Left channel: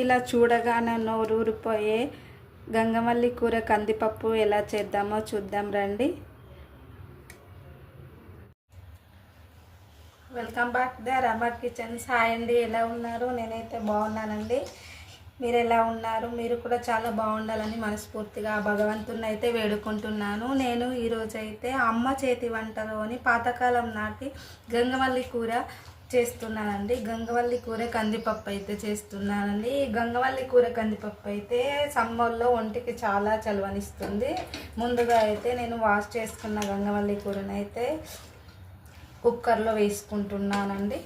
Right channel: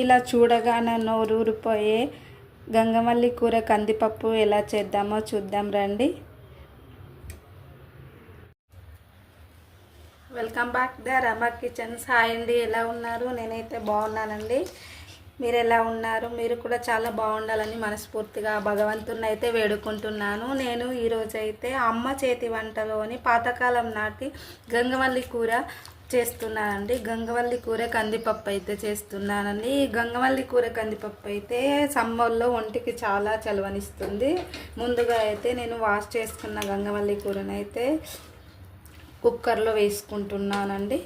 ఇలా చూడగానే నోరూరిపోయే గంగమల్లి కూర కందిపప్పు ఎలా చేద్దామో చూద్దాం రండి. Welcome back the Rama kitchens. Hi అండి ఎలా ఉన్నారు? నేనైతే బాగున్నానండి. మీరు ఎలా ఉన్నారు? మీరు కూడా చాలా బాగుండాలని మనస్ఫూర్తిగా భగవంతుని అయితే వేడుకుంటున్నాను. నేను ఈరోజు అయితే అమ్మ చేతి వంటలోని పాతకాలం నాటి గంగవల్లి కూర చేస్తున్నానండి. గంగవల్లి కూర కందిపప్పు అయితే చేస్తున్నానండి. ఈ గంగవల్లి కూర కందిపప్పు అయితే సమ్మర్లో ఒంటికి చాలా చలవనిస్తుంది. ముందుగా అయితే నేను వాష్ చేసుకున్న గంగవల్లి కూరని అయితే కుక్కర్లో వేసుకుంటున్నానండి.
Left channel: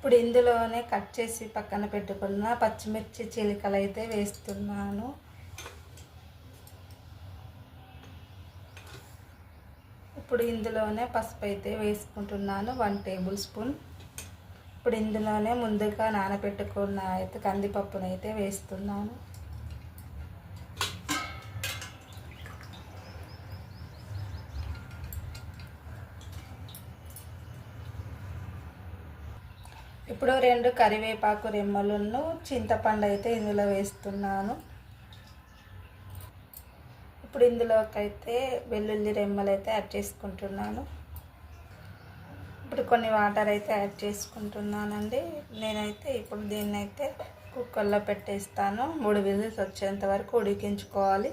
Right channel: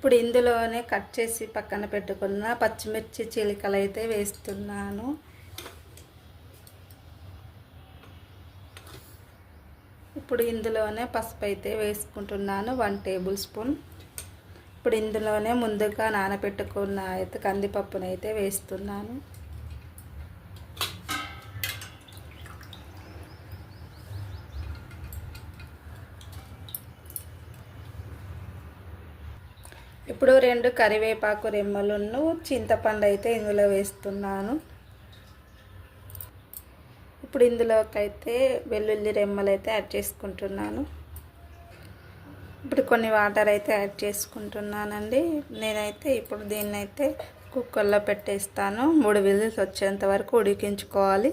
ఇప్పుడు ఇందులోనే కట్ చేసి పక్కన పెట్టుకున్న పచ్చిమిర్చి చిలికలు అయితే వేస్తున్నాను. ఇప్పుడు ఇందులోనే పసుపు అయితే వేసుకుంటున్నాను వన్ టేబుల్ స్పూన్. ఇప్పుడు ఇందులోనే ముందుగా నానబెట్టుకున్న అయితే కందిపప్పునైతే వేస్తున్నాను. ఇప్పుడు రెండు కరివేపాకు రెమ్మలను చింతపండు అయితే ఇందులో వేస్తున్నాను. ఇప్పుడు ఇందులోకైతే వెల్లుల్లి రెమ్మలు అయితే యాడ్ చేసుకుంటున్నాను. ఇప్పుడు కొన్ని వాటర్ అయితే యాడ్ చేసుకుంటున్నానండి. నేనైతే ఇప్పుడు దీన్ని అయితే కుక్కర్లో పెట్టేస్తాను. మూడు విజిల్స్ వచ్చేంత వరకు ఉడికించుకోవాలి.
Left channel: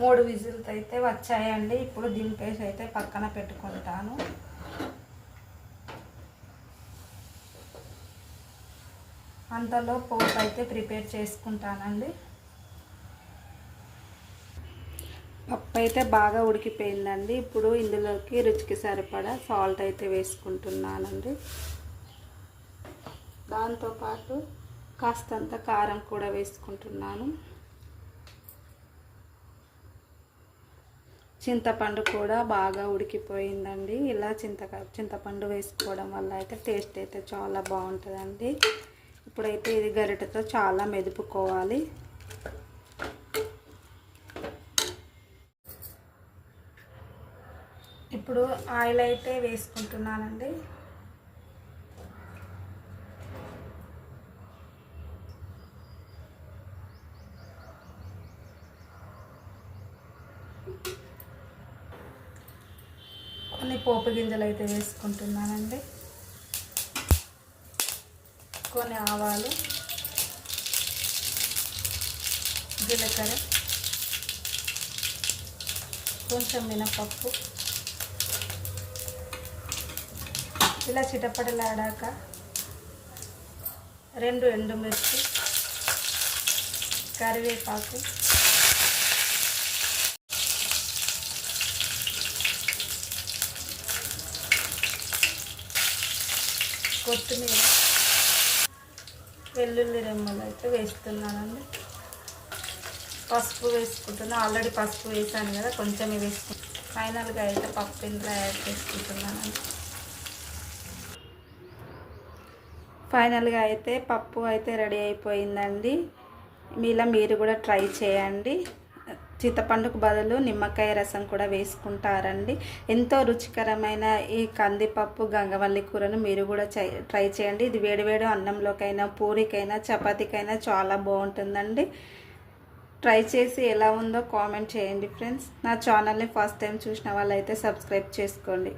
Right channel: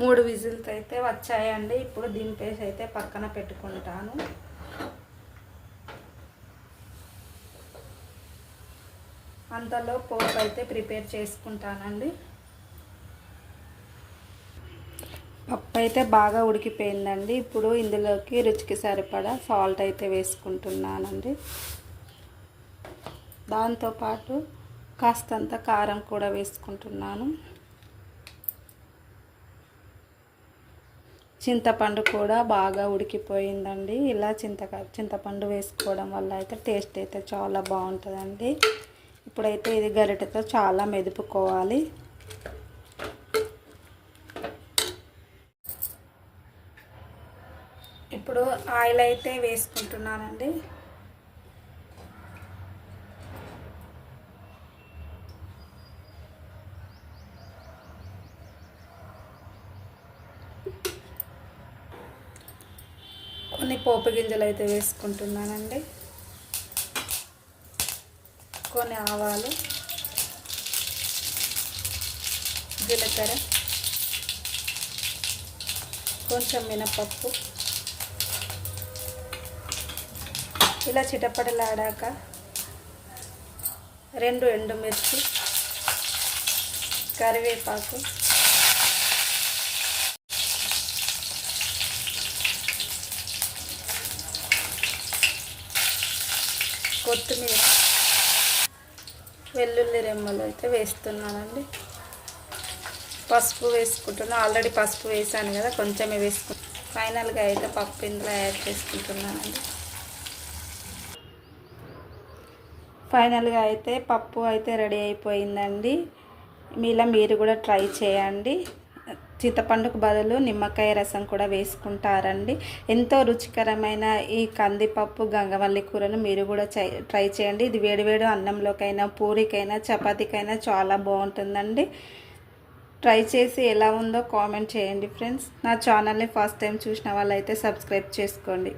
మూడు విజిల్స్ అయితే వచ్చాయండి. ఇప్పుడు దింపేసి అయితే పక్కన పెట్టుకుంటాను. అంతలో పోపు అయితే ప్రిపేర్ చేసుకుంటానండి. పప్పు అయితే బాగా ఉడికిపోయిందండి. ఇప్పుడు ఇందులోకి రుచికి సరిపడా సాల్ట్ అయితే వేసుకుంటున్నానండి. దాంతోపాటు కాస్తంత కారం కూడా వేసుకుంటున్నాను. చింతపండు కూడా బాగా ఉడికిపోయిందండి. ఇలా చింతక చింతపండు వేసుకోవడం వల్ల అయితే టేస్ట్ అయితే చాలా బాగుంటుందండి. ఇప్పుడైతే ఇది గరిటతో చాలా మెదుపుకోవాలి. ఇప్పుడు ఆయిల్ అయితే వేసుకుంటున్నానండి కొన్ని పోపు గింజలు అయితే వేసుకుంటున్నానండి. కొన్ని ఆవాలు జీలకర్ర కొంచెం మినపప్పు ఇలా చిటపటలాడాక రెండు ఎండుమిర్చి కరివేపాకు కొత్తిమీర. వెల్లుల్లి రెమ్మలు అయితే వేస్తున్నానండి. పసుపు వేసుకుంటున్నాను ఆల్రెడీ పసుపు వేసాను కదా కొంచెమే వేసుకుంటాను ఫైనల్గా అయితే పప్పు ఇందులో యాడ్ చేసుకుంటున్నానండి. ఫైనల్గా అయితే పప్పు అయితే రెడీ అయిపోయిందండి. మీలా మీరు కూడా ట్రై చేయండి. చింతపండుకు బదులు నిమ్మకాయ రసం కూడా వేసుకుంటారండి. ఎంతో రుచికరమైన ఈ కందిపప్పు గంగవల్లి కూరను మీరు కూడా ట్రై చేయండి. ఇది వేడివేడి అన్నంలోకైనా పూరికైనా చపాతీకైనా చాలా బాగుంటుందండి. ట్రై చేసి ఎలా ఉందో కామెంట్ చేయండి ఫ్రెండ్స్. నా ఛానల్ని ఫస్ట్ టైం చూసిన వాళ్ళైతే సబ్స్క్రైబ్ చేసుకోండి.